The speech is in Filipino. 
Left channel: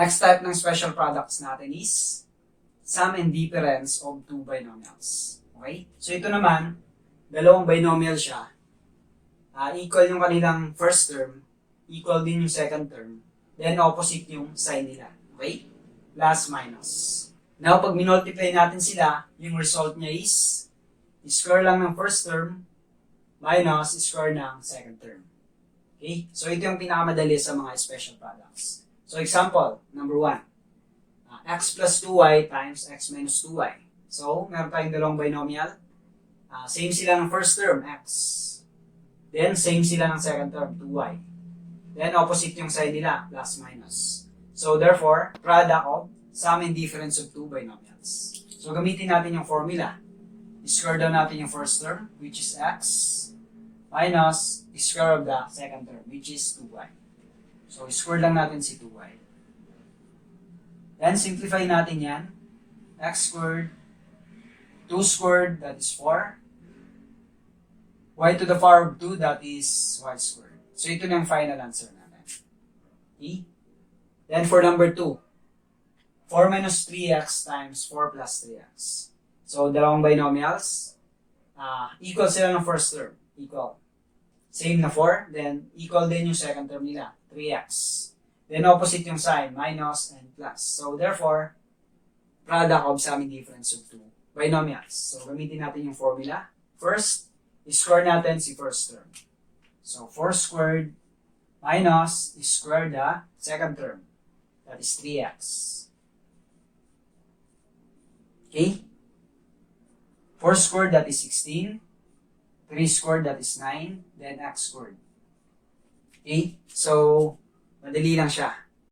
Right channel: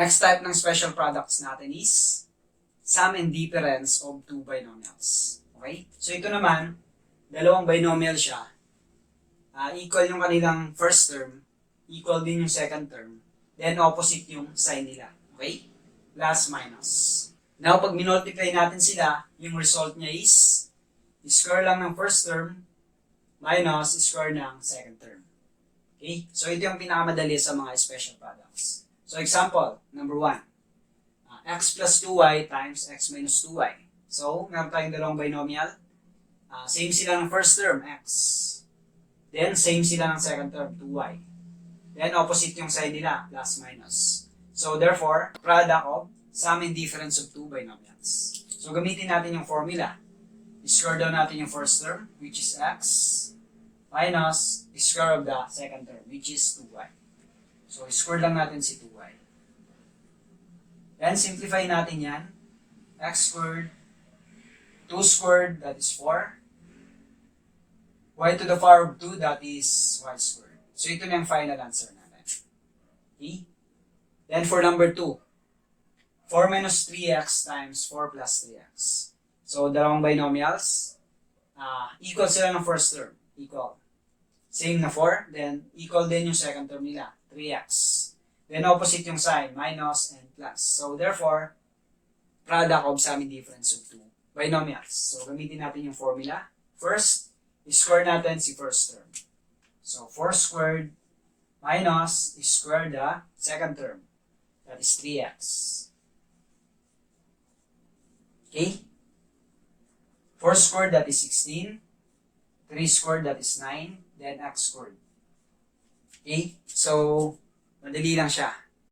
Next type ng special products natin is sum and difference of two binomials. Okay? So ito naman, dalawang binomial siya. Equal yung kanilang first term, equal din yung second term, then opposite yung sign nila. Okay? Plus, minus. Now, pag minultiply natin sila, yung result niya is square lang ng first term minus square ng second term. Okay? So ito yung pinakamadali sa mga special products. So example, number 1. X plus 2y times x minus 2y. So, meron tayong dalawang binomial. Same sila ng first term, x. Then, same sila ng second term, 2y. Then, opposite yung sign nila, plus minus. So, therefore, product of sum and difference of two binomials. So, gamitin natin yung formula. Square down natin yung first term, which is x, minus square of the second term, which is 2y. So, square lang natin si 2y. Then, simplify natin yan. X squared, 2 squared, that is 4. Y to the power of 2, that is y squared. So, ito na yung final answer natin. Okay? Then, for number 2, 4 minus 3x times 4 plus 3x. So, dalawang binomials. Equal sila ng first term. Equal. Same na 4. Then, equal din yung second term nila. 3x. Then, opposite yung sign. Minus and plus. So, therefore, product of sum and difference of two binomials. So, gamitin natin yung formula. First, square natin si first term. So, 4 squared minus square the second term. That is 3x. Okay? 4 squared, that is 16. 3 squared, that is 9. Then, x squared. Okay? So, madali lang siya.